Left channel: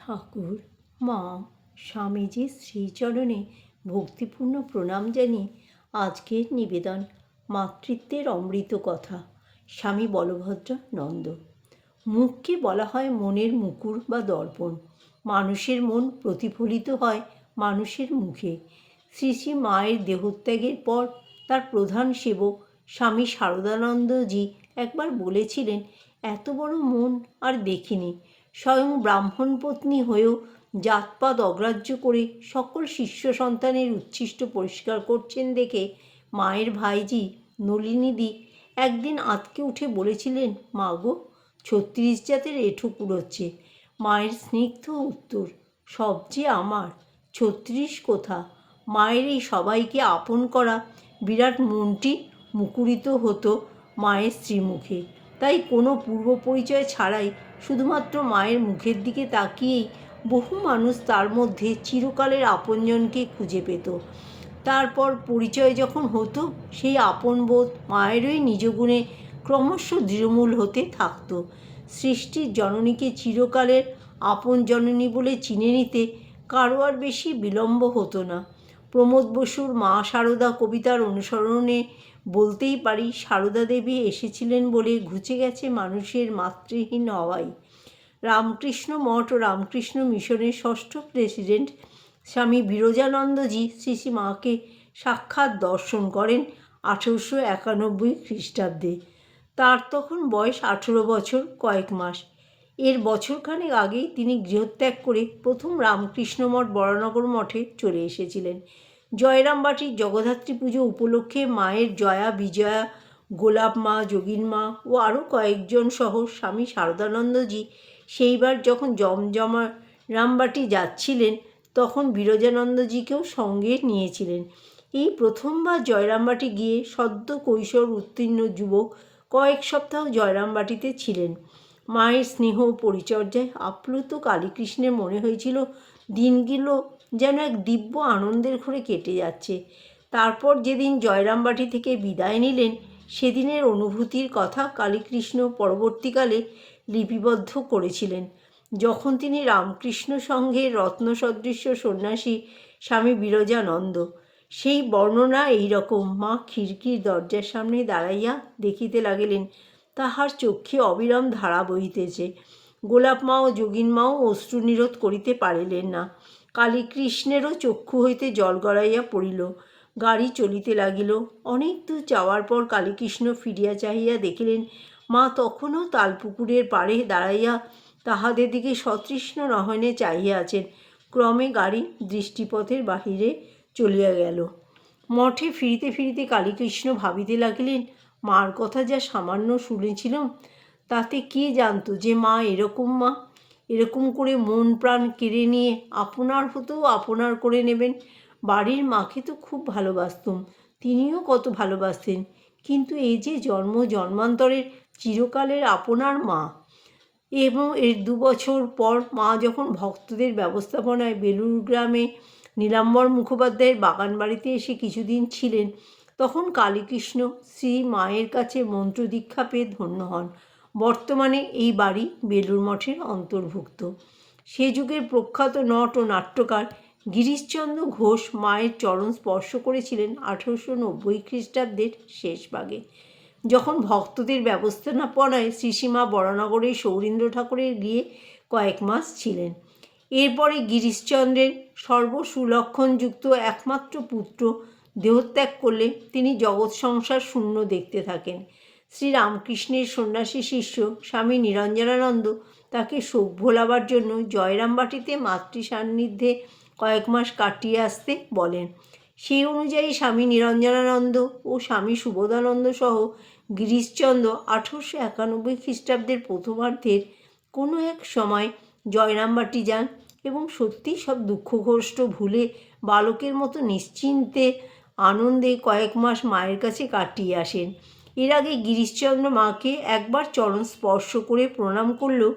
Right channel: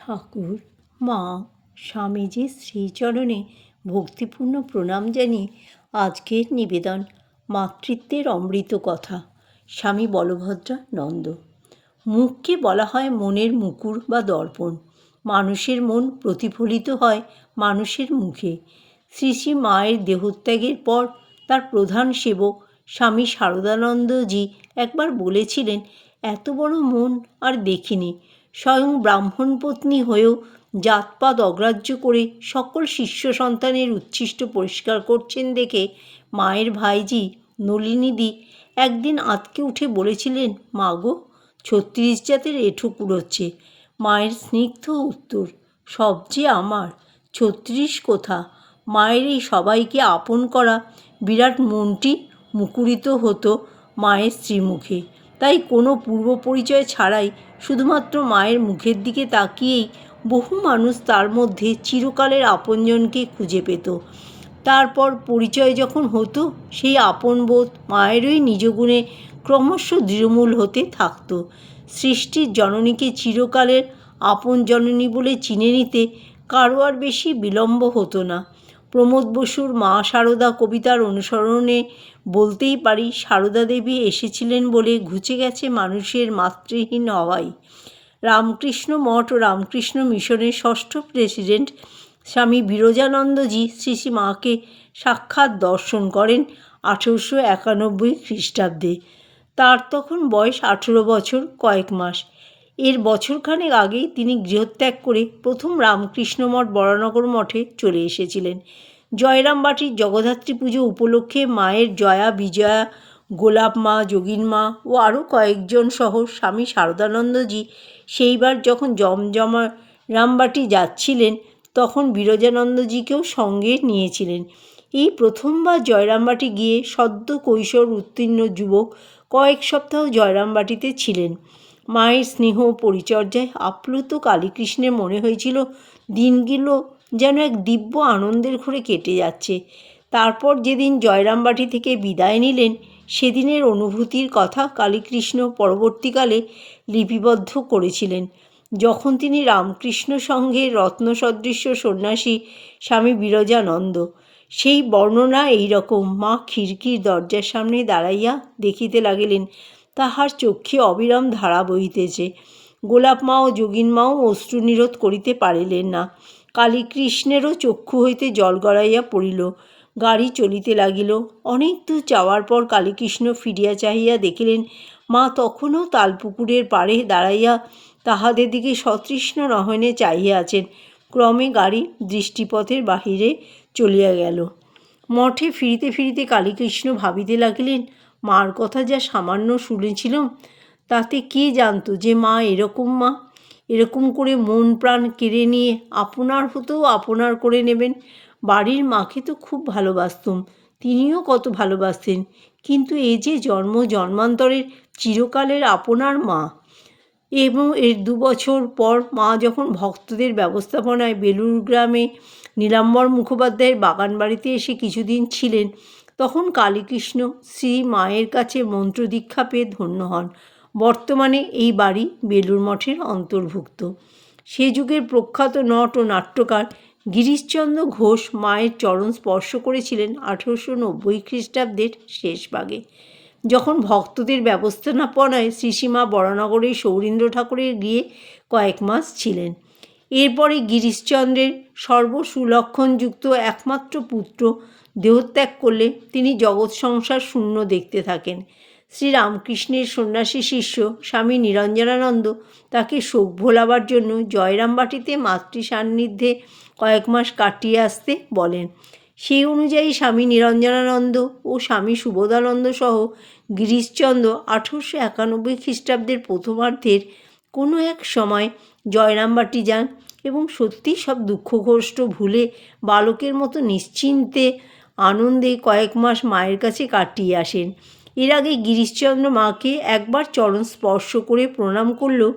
ঠাকুর, মা, স্বামীজির শ্রীচরণে ভক্তিপূর্ণ প্রণাম জানিয়ে আজকের নিবেদন মাতৃত্বের অমৃত কথা। স্বামী বলভদ্রানন্দ। মুখকে বলা হয় মনের মুকুর বা দর্পণ। মানুষের মন প্রতিফলিত হয় মানুষের মুখে। শ্রী শ্রী মায়ের দেহত্যাগের পর তার প্রধান সেবক স্বামী শারদানন্দজি একবার বলেছিলেন, এত বড় মন আর দেখিনি। স্বয়ং ব্রাহ্মণ পত্নী হয়েও জাতপাত অগ্রাহ্য করে সকল শিষ্য সন্তানের উচ্ছিষ্ট পরিষ্কার করছেন দেখে মায়ের ভাইজি নলিনীদি একদিন আঁতকে উঠে বলেছিলেন, মা গো, ৩৬ জাতের এঁঠো কুড়োচ্ছে। মায়ের স্নিগ্ধ উত্তর, সব যে আমার, ৩৬ কোথা। মায়ের এই সবাইকে আপন করা বিরাট মনটি মুকুরিত হতো মায়ের শ্রীমুখে। তাই কোনো পূর্ব পরিচয় ছাড়াই শুধুমাত্র মায়ের মুখের দিকে তাকিয়েই বহু মানুষ তার মধ্যে চিরকালের আপনজনকে খুঁজে পেত। তারপর পরিচয় যখন হতো, সেই আপনবোধ মায়েরই নিজ গুণে ক্রমশ দৃঢ়মূল হতে থাকত। সৃষ্টির জননীকে চিরকালের আপন জননী বলে চিনে নিতে কারো আর বেশি বিলম্ব হতো না। প্রমোদ বসুর মা সারদা কবিতার অনুসরণে বলতেই পারি, সারদা দেবী এসেছিলেন বলে ঘুচে গেছে মানুষের মাতৃহীন হওয়াই। রামকৃষ্ণ মঠ ও রামকৃষ্ণ মিশনের ষষ্ঠ প্রেসিডেন্ট স্বামী বিরজানন্দজি শ্রী শ্রী মাকে সাক্ষাৎ দর্শন করেন 1891 খ্রিস্টাব্দে। তার তখন বয়স 18 বছর কয়েক মাস। এর বছরখানেক আগেই তিনি গৃহত্যাগ করে প্রথম রামকৃষ্ণ মঠ বরানগর মঠে চলে এসেছিলেন। জয়রামবাটির জগদ্ধাত্রী পুজো উপলক্ষে মায়ের জয়া, বিজয়া, গোলাপ মা, যোগিন মা ও আরও কয়েকজন সহ স্বামী শারদানন্দজি সেইবার যখন জমজমা রামবাটি যাচ্ছিলেন, তখন বিরজানন্দজিকেও সঙ্গে নিয়েছিলেন। এই প্রথমবার জয়রামবাটি গিয়ে সদ্য কৈশোর উত্তীর্ণ যুবক কয়েক সপ্তাহ জয়রামবাটিতে ছিলেন। মায়ের স্নেহ পরিচর্যায় আপ্লুত কালীকৃষ্ণের মনে হয়েছিল দিনগুলো যেন এক দিব্য আনন্দের ঘোরে কেটে যাচ্ছে। তারপর যেদিন জয়রামবাটি থেকে বিদায় নিলেন, সেদিনের অনুভূতির কথা কালীকৃষ্ণ পরবর্তীকালে লিপিবদ্ধ করেছিলেন। যখন তিনি রামকৃষ্ণ সংঘের রত্নসদৃশ্য সন্ন্যাসী স্বামী বিরজানন্দ, সেই বর্ণনা এই রকম, মা খিড়কির দরজার সামনে দাঁড়াইয়া দেখিতে লাগিলেন তাহার চক্ষে অবিরাম ধারা বহিতেছে। গোলাপ মা ও যোগিন মাও অশ্রু নিরোধ করিতে পারিলেন না। কালীকৃষ্ণেরও চক্ষু হইতে জল গড়াইয়া পড়িল। গাড়ি চলিতে লাগিল। অনেক দূর যাওয়ার পর কালীকৃষ্ণ ফিরিয়া চাহিয়া দেখিলেন মা তখনও তালপুকুরের পাড়ে দাঁড়াইয়া তাহাদের দিকে সতৃষ্ণ নয়নে চাহিয়া আছেন। ক্রমে গাড়ি দৃষ্টিপথের বাহিরে চলিয়া গেল। মঠে ফিরিতে ফিরিতে কালীকৃষ্ণ ভাবিতে লাগিলেন, মার কথা যা সামান্য শুনেছিলাম, তাতে কে জানত যে মা এরকম করে মন প্রাণ কেড়ে নিয়ে আপনার হতেও আপনার করে নেবেন। বাড়ির মাকে তো খুব ভালোবাসতুম, তিনিও কত ভালোবাসতেন, কিন্তু এ যে জন্ম জন্মান্তরের চিরকালের আপনার মা। এবং এর 2 বছর পর মা যখন ভক্তদের ব্যবস্থাপনায় বেলুর গ্রামে নীলাম্বর মুখোপাধ্যায়ের বাগান বাড়িতে এসে কিছুদিন ছিলেন, তখন কালীকৃষ্ণ শ্রী মায়ের কাছে মন্ত্রদীক্ষা পেয়ে ধন্য হন। বর্তমানে এই বাড়ি বেলুর মঠের অন্তর্ভুক্ত। সে যুগের প্রখ্যাত নট ও নাট্যকার গিরিশচন্দ্র ঘোষ মায়ের চরণ স্পর্শ করেছিলেন 1890 খ্রিস্টাব্দের শেষ ভাগে, যখন ভক্তদের ব্যবস্থাপনায় শ্রীসীমা বরানগরের সৌরীন্দ্র ঠাকুরের গিয়ে কয়েক মাস ছিলেন। এরপরে গিরিশচন্দ্রের সর্বসুলক্ষণযুক্ত একমাত্র পুত্র দেহত্যাগ করলে তিনি জগৎ সংসার শূন্য দেখতে থাকেন। শ্রীরামকৃষ্ণের সন্ন্যাসী শিষ্য স্বামী নিরঞ্জনানন্দ তাকে শোক ভোলাবার জন্য জয়রামবাটিতে মাতৃ সান্নিধ্যে কয়েক মাস কাটিয়ে আসতে বলেন। সেই অনুযায়ী স্বামী নিরঞ্জনানন্দ ও স্বামী সুবোধানন্দ সহ গিরিশচন্দ্র 1891 খ্রিস্টাব্দের প্রথমার্ধের কোনো এক সময় জয়রামবাটি যান এবং সত্যি সব দুঃখ কষ্ট ভুলে বালকের মতো নিশ্চিন্তে আনন্দে কয়েক মাস মায়ের কাছে কাটিয়ে আসেন। এর আগে গিরিশচন্দ্র মাকে একবার চরণ স্পর্শ করে প্রণাম করলেও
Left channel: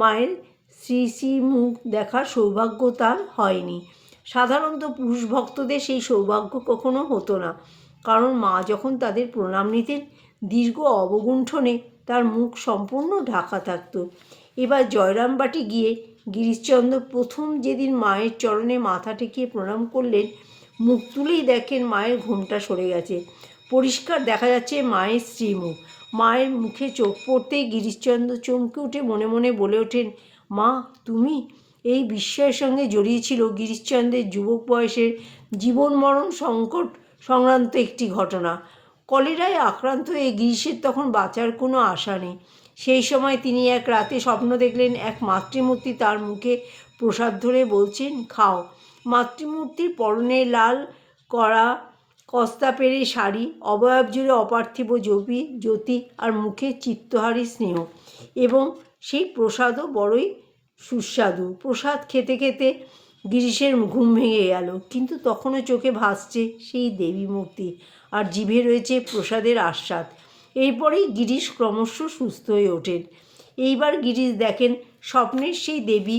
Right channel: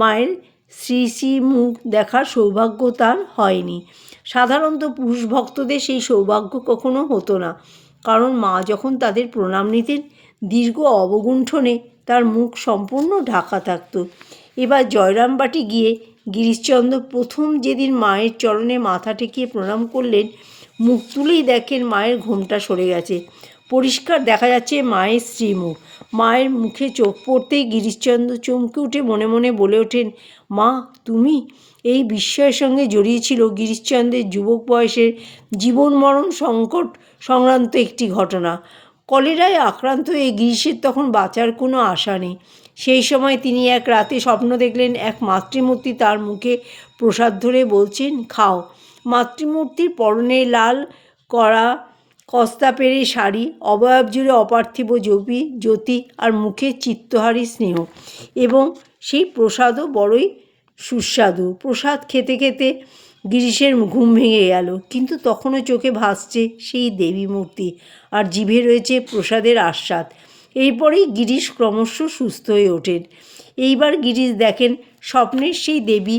মায়ের শ্রী শ্রী মুখ দেখার সৌভাগ্য তার হয়নি। সাধারণত পুরুষ ভক্তদের সেই সৌভাগ্য কখনো হতো না, কারণ মা যখন তাদের প্রণাম নিতেন দীর্ঘ অবগুণ্ঠনে তার মুখ সম্পূর্ণ ঢাকা থাকত। এবার জয়রামবাটি গিয়ে গিরিশচন্দ্র প্রথম যেদিন মায়ের চরণে মাথা ঠেকিয়ে প্রণাম করলেন, মুখ তুলেই দেখেন মায়ের ঘোমটা সরে গেছে। পরিষ্কার দেখা যাচ্ছে মায়ের শ্রীমুখ। মায়ের মুখে চোখ পড়তেই গিরিশচন্দ্র চমকে উঠে মনে মনে বলে ওঠেন, মা তুমি? এই বিস্ময়ের সঙ্গে জড়িয়েছিল গিরিশচন্দ্রের যুবক বয়সের জীবন মরণ সংকট সংক্রান্ত একটি ঘটনা। কলেরায় আক্রান্ত হয়ে গিরিশের তখন বাঁচার কোনো আশা নেই। সেই সময় তিনি এক রাতে স্বপ্ন দেখলেন, এক মাতৃমূর্তি তার মুখে প্রসাদ ধরে বলছেন, খাও। মাতৃমূর্তির পরনে লাল করা কস্তা পেরে শাড়ি, অবয়ব জুড়ে অপার্থিব জ্যোতি আর মুখে চিত্তহারী স্নেহ, এবং সেই প্রসাদও বড়ই সুস্বাদু। প্রসাদ খেতে খেতে গিরিশের ঘুম ভেঙে গেল, কিন্তু তখনও চোখে ভাসছে সেই দেবী মূর্তি, আর জিভে রয়েছে প্রসাদের আস্বাদ। এরপরেই গিরিশ ক্রমশ সুস্থ হয়ে ওঠেন। এইবার গিরিশ দেখেন স্বপ্নের সেই দেবী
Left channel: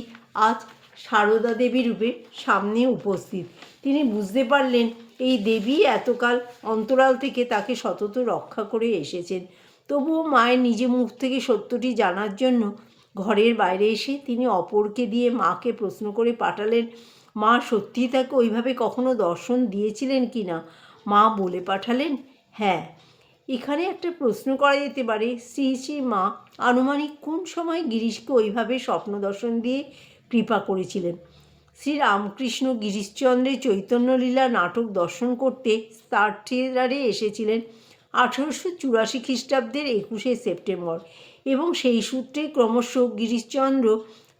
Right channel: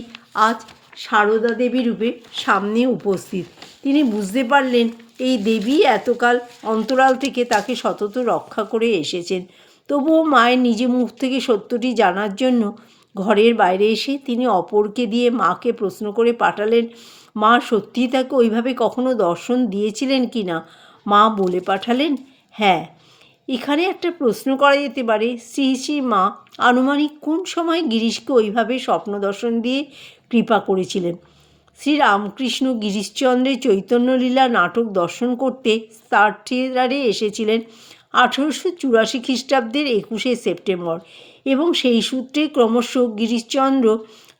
আজ সারদা দেবী রূপে সামনে উপস্থিত। তিনি বুঝতে পারলেন এই দেবী এতকাল অন্তরাল থেকে তাকে সতত রক্ষা করে এসেছেন। তবুও মায়ের নিজে মুখ থেকে সত্যটি জানার জন্য ঘরের বাইরে এসে তিনি অপরকে দিয়ে মাকে প্রশ্ন করে পাঠালেন, মা সত্যিই তাকে ওইভাবে কখনো দর্শন দিয়েছিলেন কি না? মা বলে পাঠালেন, হ্যাঁ। এখানে একটা প্রশ্ন করা যেতে পারে, শ্রী শ্রী মা আনুমানিক কোন সময় গিরিশকে ওইভাবে স্বপ্ন দর্শন দিয়ে কৃপা করেছিলেন? শ্রীরামকৃষ্ণ গিরিশচন্দ্রের চৈতন্যলীলা নাটক দর্শন করতে তার থিয়েটারে এসেছিলেন 1884 খ্রিস্টাব্দের 21শে সেপ্টেম্বর, এবং সেই সূত্রে ক্রমশ গিরিশচন্দ্র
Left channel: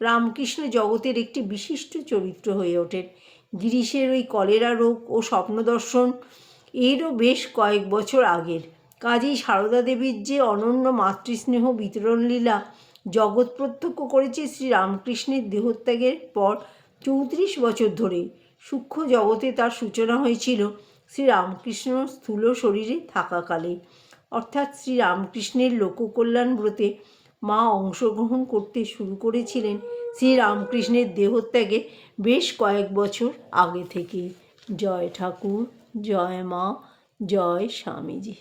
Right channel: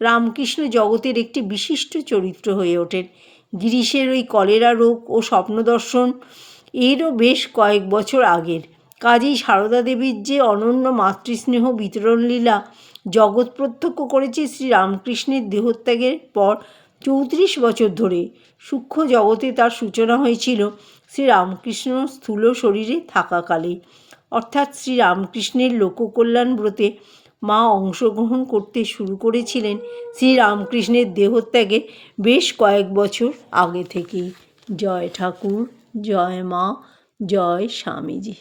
রামকৃষ্ণ জগতের একটি বিশিষ্ট চরিত্র হয়ে ওঠেন। গিরিশের ওই কলেরা রোগ ও স্বপ্নদর্শন এরও বেশ কয়েক বছর আগের। কাজেই সারদা দেবীর যে অনন্য মাতৃস্নেহ বিতরণ লীলা জগৎ প্রত্যক্ষ করেছে শ্রীরামকৃষ্ণের দেহত্যাগের পর 34 বছর ধরে, সূক্ষ্ম জগতে তার সূচনা হয়েছিল শ্রীরামকৃষ্ণ স্থূল শরীরে থাকাকালে। অর্থাৎ শ্রীরামকৃষ্ণের লোককল্যাণ ব্রতে মা অংশগ্রহণ করতে শুরু করেছিলেন শ্রীরামকৃষ্ণের দেহত্যাগে বেশ কয়েক বছর আগে থেকেই। জয় ঠাকুর, জয় মা, জয় স্বামীজি।